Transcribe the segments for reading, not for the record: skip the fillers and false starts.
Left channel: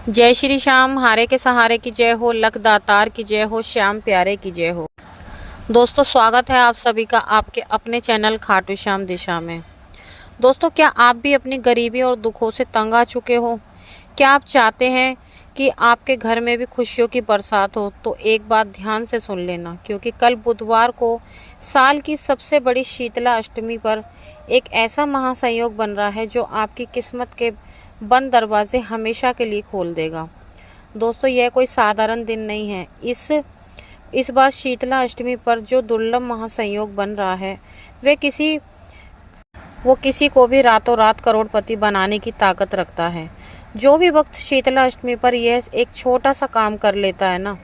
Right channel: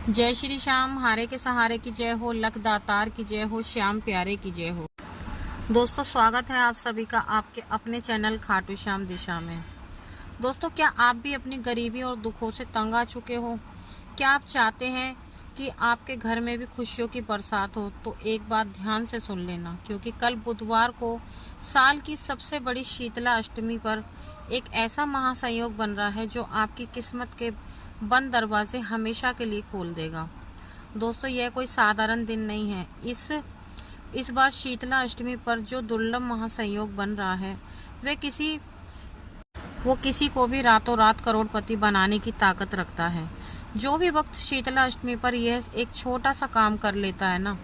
जय श्री श्याम, हारे के सहारे की जय हो, लख दातार की जय हो, श्याम प्यारे की जय हो। दोस्तों, स्वागत है आप सभी का आपके अपने चैनल खाटू श्याम दिशा में। दोस्तों, क्या आप भी अपनी गरीबी और दुखों से तंग आ चुके हो? क्या आप चाहते हैं कि आपके घर में भी खुशियों की बरसात हो? तो एक बात ध्यान से सुन लेना, क्योंकि कल बुधवार को साल की सबसे बड़ी शीतला अष्टमी पर एक ऐसा महासंयोग बन रहा है जो आपकी किस्मत के बंद दरवाजे हमेशा के लिए खोल देगा। दोस्तों, यह कोई साधारण दिन नहीं है। इस बार शीतला अष्टमी पर जो दुर्लभ महासंयोग बन रहा है वो किसी को भी रातों रात करोड़पति बनाने की ताकत रखता है। जो भी वक्त शीतला अष्टमी पर यह एक छोटा सा काम कर लेता है ना,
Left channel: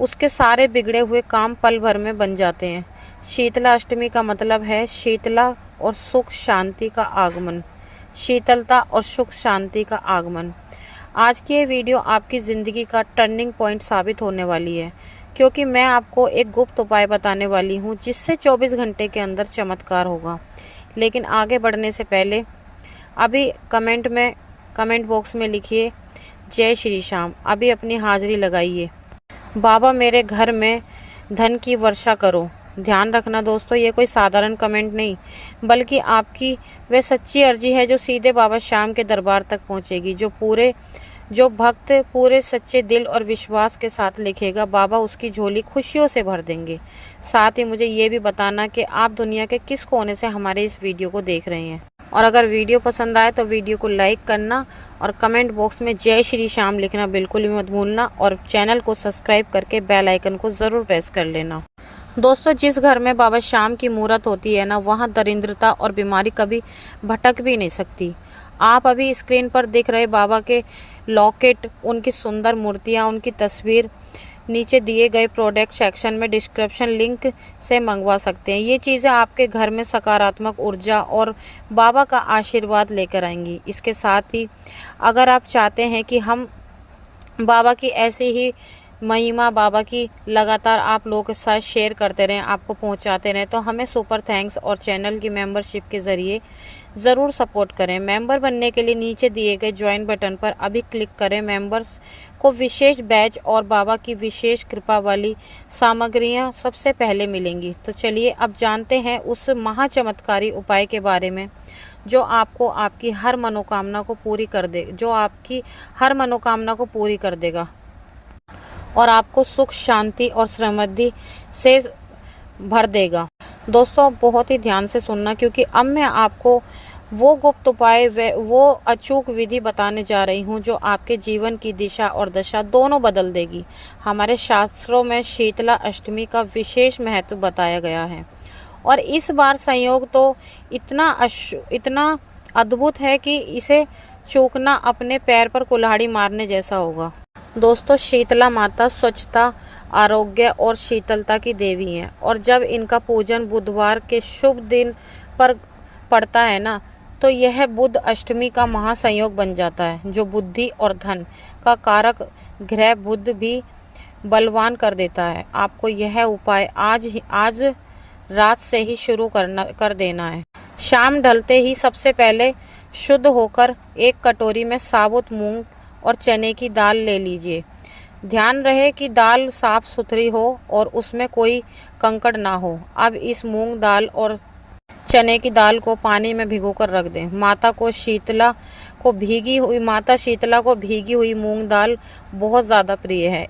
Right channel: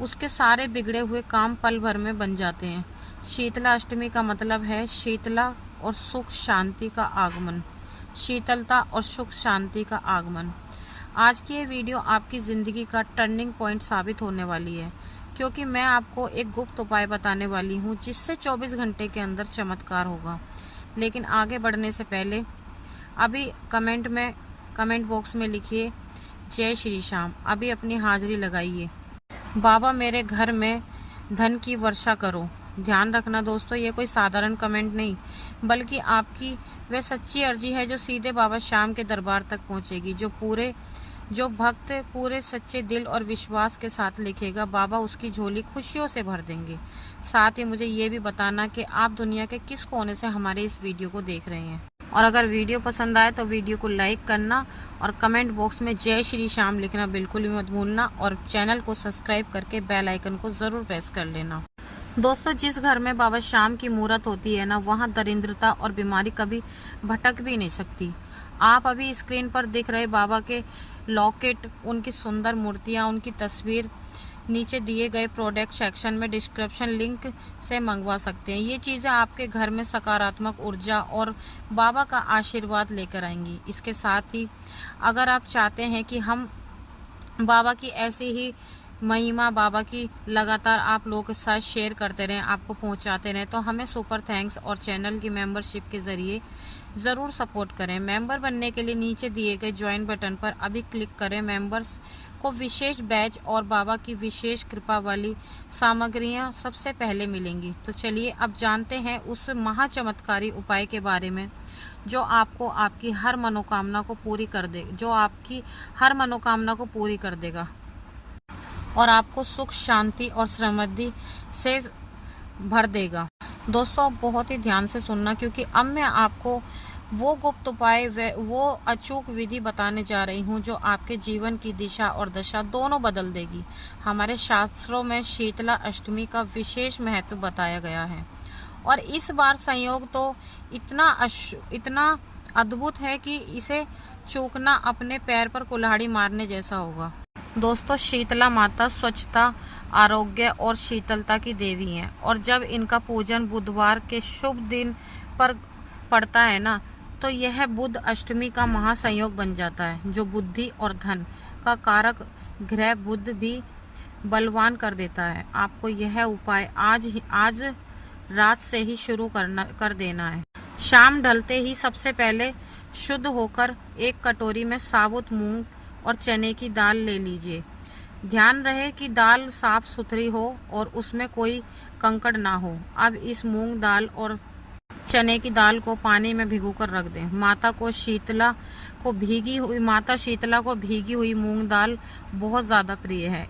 उसके सारे बिगड़े हुए काम पल भर में बन जाते हैं। शीतला अष्टमी का मतलब है शीतला और सुख शांति का आगमन। शीतलता और सुख शांति का आगमन। आज की ये वीडियो आपकी ज़िंदगी का टर्निंग पॉइंट साबित होने वाली है, क्योंकि मैं आपको एक गुप्त उपाय बताने वाली हूँ जिससे 24 घंटे के अंदर चमत्कार होगा। लेकिन आगे बढ़ने से पहले अभी कमेंट बॉक्स में लिखिए जय श्री श्याम। अभी अपनी हाजिरी लगाइए। बाबा, मेरे घर में धन की वर्षा करो। ध्यान रखना दोस्तों, ये कोई साधारण कमेंट नहीं, बल्कि आपकी वह सच्ची अर्जी है जो सीधे बाबा श्याम के दरबार तक पहुंचेगी। जो भक्त पूरे सच्चे दिल और विश्वास के साथ लिखेगा, बाबा उसकी झोली खुशियों से भर देंगे। साथ ही मुझे ये भी बताना कि आप दुनिया के किस कोने से हमारे इस वीडियो को देख रहे हैं। और अगर वीडियो पसंद आए तो वीडियो को लाइक करना और कमेंट बॉक्स में जय श्री श्याम लिखना बिल्कुल भी मत भूलना, और चैनल को सब्सक्राइब करके बेल आइकन को ज़रूर प्रेस कर लेना। दोस्तों, जिस घर में बाबा श्याम की मूरत होती है ना, वहाँ दरिद्रता और बीमारी कभी भटक भी नहीं सकती। आप अभी स्क्रीन पर दिख रहे बाबा के लॉकेट, उनकी सुंदर मूर्तियाँ, उनकी तस्वीर नीचे दिए गए प्रोडक्ट सेक्शन में डिस्क्रिप्शन लिंक से मंगवा सकते हैं। ये चीज़ें आपके घर में सकारात्मक ऊर्जा और बाबा का आशीर्वाद लेकर आएंगी। इसके साथ ही अगर आप चाहते हैं कि हम बाबा की ऐसी ही महिमा, बाबा की लगातार आप लोगों के साथ शेयर करते रहें, आपको पहुंचाते रहें, तो हमें सुपर थैंक्स और चैनल की मेंबरशिप के ज़रिए ज़रूर सपोर्ट करें। मेंबर बनने के लिए नीचे दिए गए ज्वाइन बटन पर अभी क्लिक करें। मेंबर्स को विशेष बैच और बाबा की विशेष कृपा वाली सामग्रियां सबसे पहले मिलेंगी। तो चलिए अब जानते हैं उस महाचमत्कारी उपाय के बारे में जो आपकी हर मनोकामना को पूरी कर देगा और आपको सुख शांति और समृद्धि से भर देगा। दोस्तों, बहुत ही ध्यान से सुनना, क्योंकि अब मैं आपको वो गुप्त उपाय वो अचूक विधि बताने जा रही हूँ जो आपके जीवन की दिशा और दशा दोनों बदल देगी। हमारे शास्त्रों में शीतला अष्टमी का विशेष महत्व बताया गया है, और इस बार संयोग तो इतना अद्भुत है कि इसे चूकना अपने पैर पर कुल्हाड़ी मारने जैसा होगा। दोस्तों, शीतला माता स्वच्छता, आरोग्य और शीतलता की देवी हैं, और जब इनका पूजन बुधवार के शुभ दिन पर पड़ता है ना, तो यह बुध अष्टमी का महासंयोग बन जाता है, जो बुद्धि और धन का कारक ग्रह बुध भी बलवान कर देता है। आपको यह उपाय आज रात से ही शुरू कर देना है। शाम ढलते ही सबसे पहले शुद्ध होकर एक कटोरी में साबुत मूंग और चने की दाल ले लीजिए। ध्यान रहे कि दाल साफ सुथरी हो और उसमें कोई कंकड़ ना हो। अब इस मूंग दाल और चने की दाल को पानी में भिगोकर रख दें। माता शीतला को भीगी हुई मूंग दाल बहुत ज़्यादा प्रिय है।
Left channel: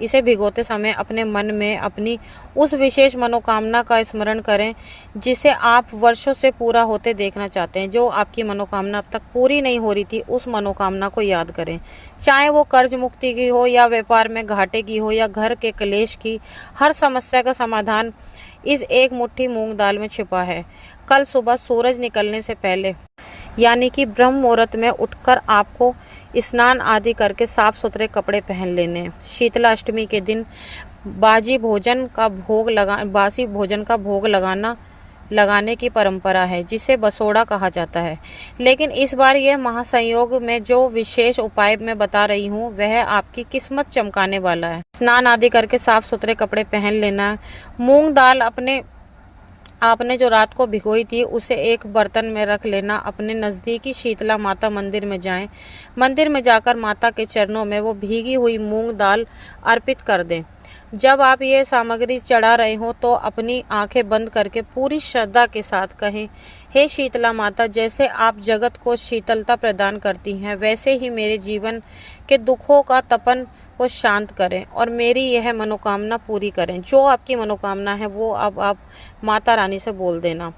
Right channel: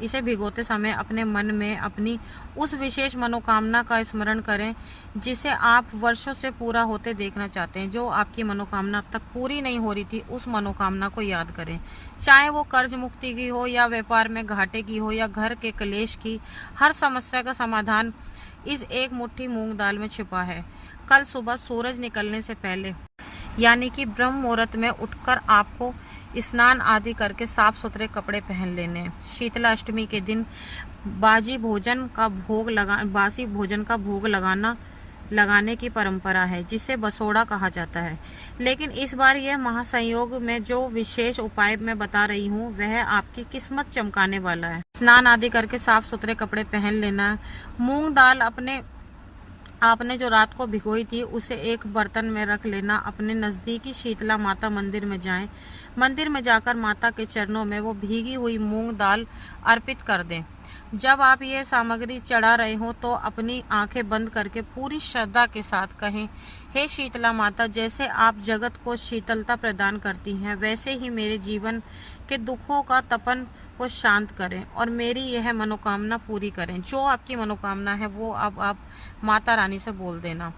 इसे भिगोते समय अपने मन में अपनी उस विशेष मनोकामना का स्मरण करें जिसे आप वर्षों से पूरा होते देखना चाहते हैं। जो आपकी मनोकामना अब तक पूरी नहीं हो रही थी, उस मनोकामना को याद करें। चाहे वो कर्ज मुक्ति की हो, या व्यापार में घाटे की हो, या घर के क्लेश की, हर समस्या का समाधान इस एक मुट्ठी मूंग दाल में छिपा है। कल सुबह सूरज निकलने से पहले, यानी कि ब्रह्म मुहूर्त में उठकर आपको स्नान आदि करके साफ सुथरे कपड़े पहन लेने हैं। शीतला अष्टमी के दिन बासी भोजन का भोग लगाने की परंपरा है, जिसे बसोड़ा कहा जाता है। लेकिन इस बार यह महासंयोग में जो विशेष उपाय मैं बता रही हूँ, वह आपकी किस्मत चमकाने वाला है। स्नान आदि करके साफ सुथरे कपड़े पहन लेना है। मूंग दाल अपने आपने जो रात को भिगोई थी उसे एक बर्तन में रख लेना। अपने नज़दीकी शीतला माता मंदिर में जाएं। मंदिर में जाकर माता के चरणों में वो भीगी हुई मूंग दाल अर्पित कर दें। जब आप ये सामग्री चढ़ा रहे हो तो अपनी आंखें बंद करके पूरी श्रद्धा के साथ कहें, हे शीतला माता, जैसे आप जगत को शीतलता प्रदान करती हैं वैसे ही मेरे जीवन के दुखों का तपन को शांत करें और मेरी यह मनोकामना पूरी करें। जो आपकी मनोकामना है वो अब आप माता रानी से बोल देना।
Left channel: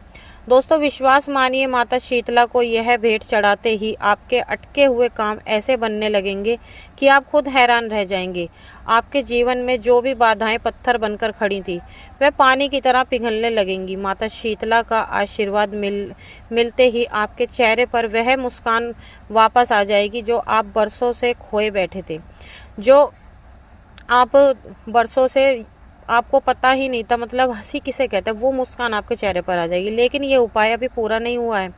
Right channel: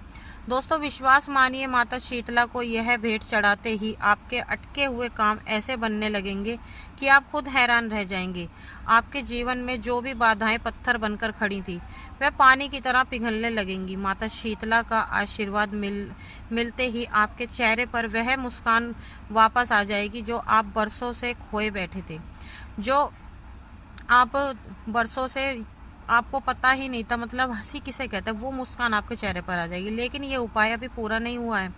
दोस्तों, विश्वास मानिए, माता शीतला को यह भेंट चढ़ाते ही आपके अटके हुए काम ऐसे बनने लगेंगे कि आप खुद हैरान रह जाएंगे। आपके जीवन में जो भी बाधाएं पत्थर बनकर खड़ी थी वह पानी की तरह पिघलने लगेंगी। माता शीतला का आशीर्वाद मिलते ही आपके चेहरे पर वह मुस्कान वापस आ जाएगी जो आप बरसों से खोए बैठे थे, जो आप बरसों से आपको पता ही नहीं था, मतलब हंसी किसे कहते हैं, वो मुस्कान आपके चेहरे पर आ जाएगी। लेकिन ये उपाय अभी पूरा नहीं हुआ है।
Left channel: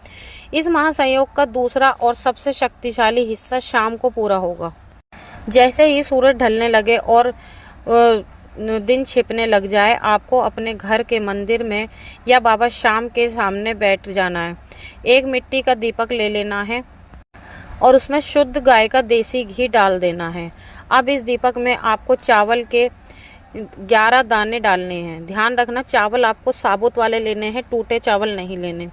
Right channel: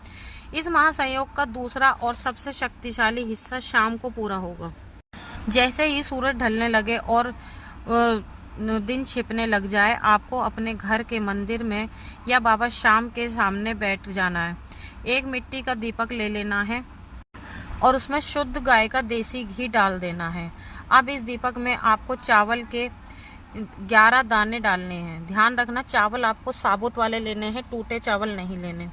इस महासंयोग का दूसरा और सबसे शक्तिशाली हिस्सा शाम को पूरा होगा। जैसे ही सूरज ढलने लगे और दिन छिपने लग जाए, आपको अपने घर के मंदिर में या बाबा शाम के सामने बैठ जाना है। एक मिट्टी का दीपक ले लेना है और उसमें शुद्ध गाय का देसी घी डाल देना है। अब इस दीपक में आपको चावल के 11 दाने डालने हैं। ध्यान रखना, चावल आपको साबुत वाले लेने हैं, टूटे चावल नहीं लेने।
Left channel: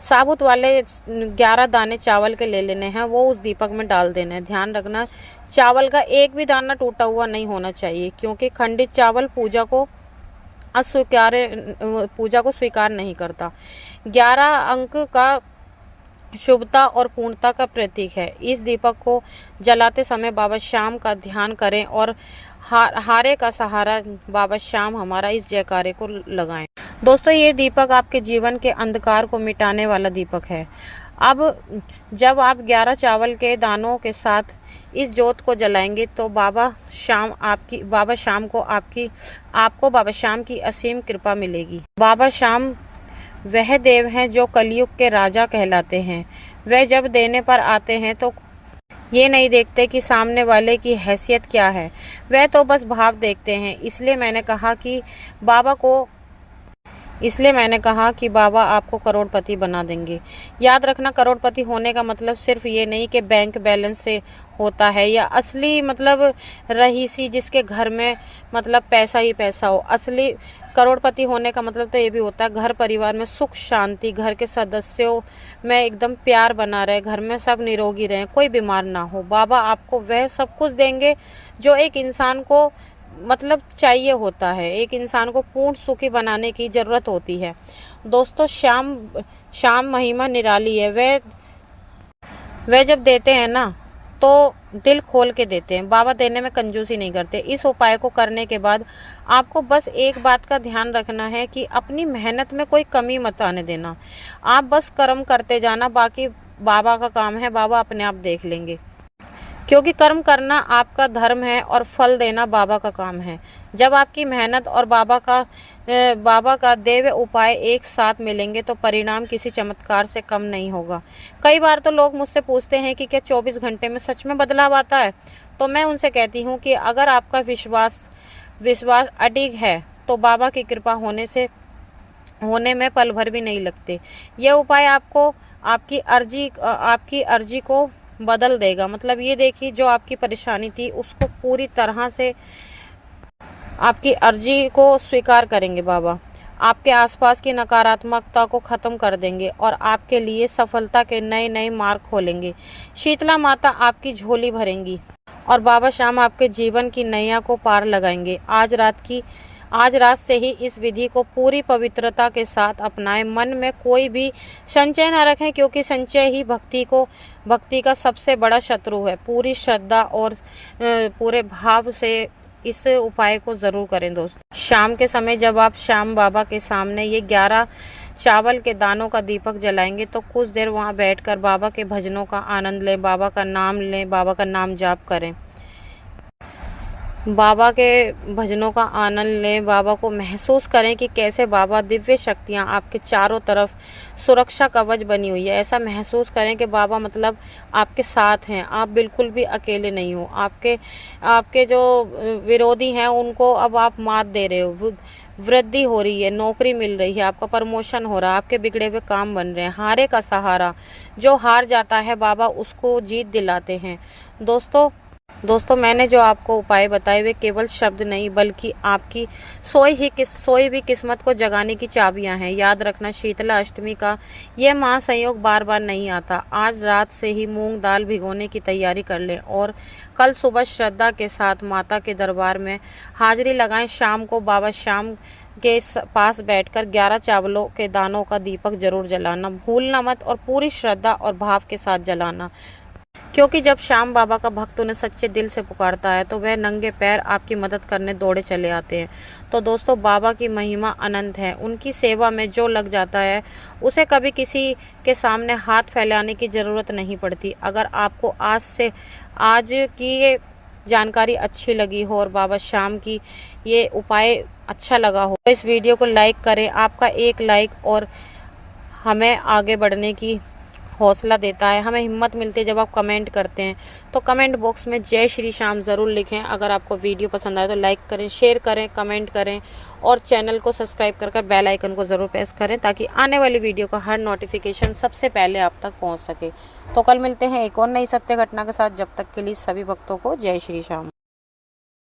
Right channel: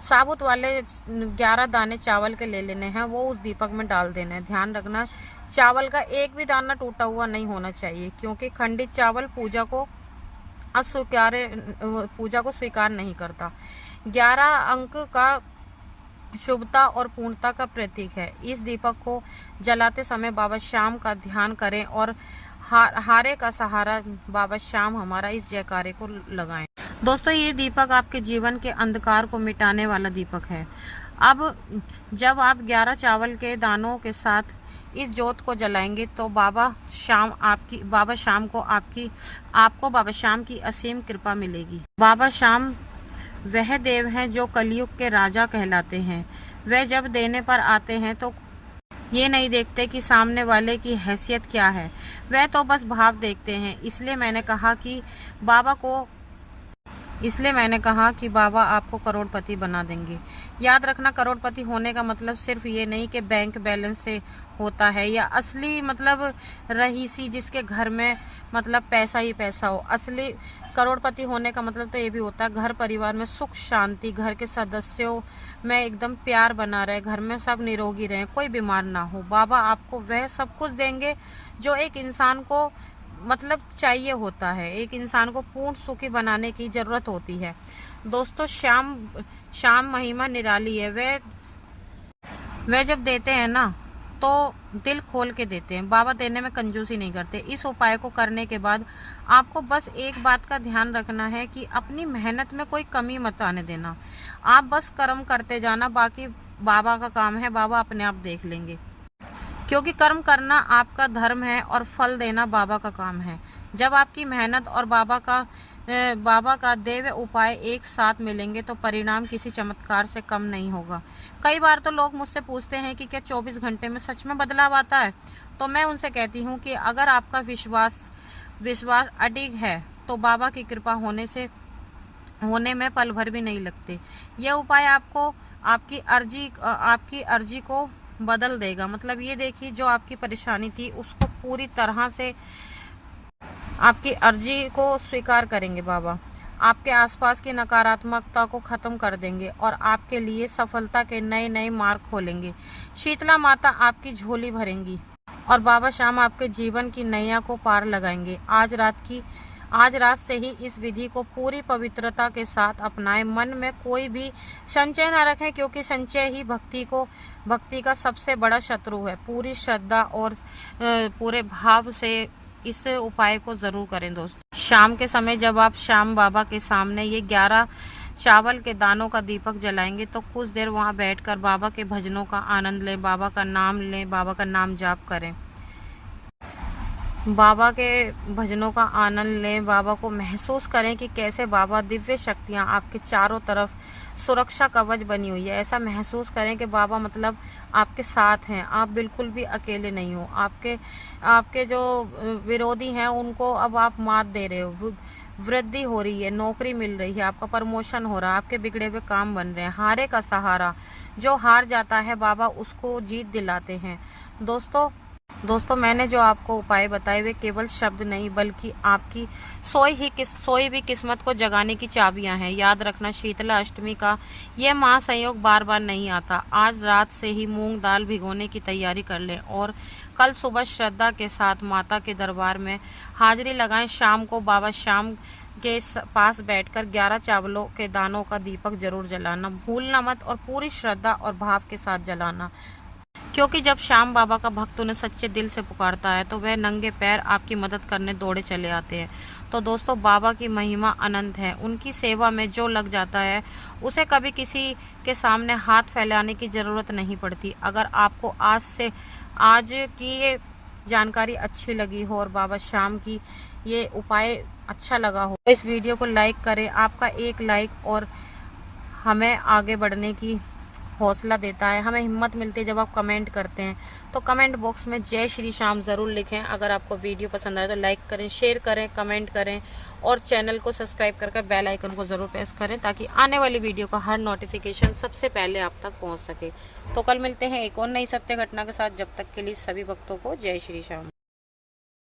साबुत वाले 11 दाने चावल के ले लेने हैं, वो उस दीपक में डाल देने हैं। ध्यान रखना, चावल का एक भी दाना टूटा हुआ नहीं होना चाहिए, क्योंकि खंडित चावल पूजा को स्वीकार नहीं करता। 11 अंक का शुभता और पूर्णता का प्रतीक है। इस दीपक को जलाते समय बाबा श्याम का ध्यान करें और हारे का सहारा बाबा श्याम हमारा इस जयकारे को लगाएं। दोस्तों, ये दीपक आपके जीवन के अंधकार को मिटाने वाला दीपक है। अब जब आप 11 चावल के दानों के साथ इस जोत को जलाएंगे तो बाबा श्याम आपको बाबा श्याम की असीम कृपा मिलेगी। बाबा श्याम वह देव हैं जो कलयुग के राजा कहलाते हैं। वह जब देने पर आते हैं तो ये नहीं देखते कि सामने वाले की हैसियत क्या है, वह तो बस भाव देखते हैं। इसलिए मैंने कहा कि बाबा आपको करोड़पति बना देंगे। याद रखना, करोड़पति होने का मतलब सिर्फ ये नहीं कि बैंक बैलेंस से होता है या असली मतलब रईसी जिसके घर में मतलब पैसा ही पैसा हो। असली करोड़पति होने का मतलब तो ये भी होता है घर परिवार में सुख शांति, घर के सदस्यों में एकदम प्यार बना रहे, घर में सब निरोगी रहें, कोई बीमार ना हो। बाबा आपको वह सब कुछ देंगे जो एक इंसान को मतलब चाहिए होता है, एक इंसान को पूर्ण सुखी बनाने की ज़रूरत होती है। दोस्तों, श्याम महिमा निराली है। वह जब देते हैं ना तो दिल खोल के देते हैं। बाबा देने में कंजूसी नहीं करते। इस उपाय को करने के बाद आपको बस एक बात का ध्यान रखना है कि अपनी मेहनत में कोई कमी मत आने देना। आप बस कर्म करते जाना, बाकी बाबा का काम है, बाबा अपने आप देख लेंगे। क्योंकि कर्म करना आपका धर्म है और फल देना बाबा का काम है। जब आपकी मेहनत और बाबा का देव उपाय एक साथ मिलेंगे तो परिणाम किसी चमत्कार से कम नहीं होगा। कई बार तो लोग मुझसे पूछते हैं कि क्या 24 घंटे में सच में बदलाव आता है? तो मैं उनसे कहती हूँ कि अगर आपका विश्वास अडिग है तो बाबा की कृपा होने में पल भर भी नहीं लगते। यह उपाय आपको आपकी अर्जी को बदल देगा। मतलब ये देखिए, जो आपकी परेशानी थी उसको पूरी तरह से आपकी अर्जी को स्वीकार करेंगे बाबा। आपके आसपास की नकारात्मकता को ख़त्म कर देंगे और आपके लिए सफलता के नए नए मार्ग खोलेंगे। शीतला माता आपकी झोली भरेंगी और बाबा श्याम आपके जीवन की नैया को पार लगाएंगे। आज रात से ही इस विधि को पूरी पवित्रता के साथ अपनाएं। मन में कोई भी संचय न रखें, क्योंकि संचय ही भक्ति का सबसे बड़ा शत्रु है। पूरी श्रद्धा और पूरे भाव से इस उपाय को जरूर करें। दोस्तों, शाम के समय जब आप श्याम बाबा के सामने ये 11 चावल के दानों का दीपक जलाएंगे तो कुछ देर वहां बैठकर बाबा के भजनों का आनंद लें, बाबा का नाम लें, बाबा का नाम जाप करें, बाबा के भजनों का आनंद लें। बाबा को महसूस करें कि कैसे बाबा दिव्य शक्तियां आपके चारों तरफ सुरक्षा कवच बनी हुई है। ऐसा महसूस करें कि बाबा मतलब आपके साथ हैं, आप बिल्कुल भी अकेले नहीं हो। आपके जो विरोधी हैं उनको अब आप मात दे रहे हो। वृद्धि हो रही है, नौकरी मिल रही है, आपका प्रमोशन हो रहा है, आपके बिगड़े हुए काम बन रहे हैं। हारे का सहारा, जो हार जाता है बाबा उसको जीत दिलाते हैं। दोस्तों मैंने जो आपको उपाय बताए वे केवल शब्द नहीं बल्कि आपकी सोई भी किस्मत को जगाने की चाबियां हैं। याद रखना, शीतला अष्टमी का यह महासंयोग बार बार नहीं आता। आज रात से ही मूंग दाल भिगोने की तैयारी कर लें और कल सुबह श्रद्धा के साथ माता के दरबार में हाजिरी लगाएं। शाम को बाबा श्याम के पास बैठकर 11 चावलों के दानों का दीपक जरूर जलाना, भूलना मत, और पूरी श्रद्धा और भाव के साथ जलाना, क्योंकि जब श्याम बाबा का भक्त उन्हें सच्चे दिल से पुकारता है तो वह नंगे पैर आपकी मदद करने दौड़े चले आते हैं। तो दोस्तों, बाबा की महिमा अनंत है। उनकी सेवा में जो लग जाता है उसे कभी किसी के सामने हाथ फैलाने की ज़रूरत नहीं पड़ती। अगर आपको आज की ये जानकारी अच्छी लगी हो और बाबा श्याम की ये उपाय अच्छा लगा हो तो इस वीडियो को लाइक करें। आपका एक लाइक और हमें आगे बढ़ने की हौसला देता है, हमें हिम्मत मिलती है जब आप कमेंट करते हैं। तो कमेंट बॉक्स में जय श्री श्याम ज़रूर लिखें। अगर आपको वीडियो पसंद आए तो लाइक करें, शेयर करें, कमेंट करें और चैनल को सब्सक्राइब कर बेल आइकन को ज़रूर प्रेस करें ताकि आने वाली वीडियो का हर नोटिफिकेशन सबसे पहले आप तक पहुंच सके। तो कल मिलते हैं एक और नई सत्य घटना के साथ। जब तक के लिए सभी भक्तों को जय श्री श्याम।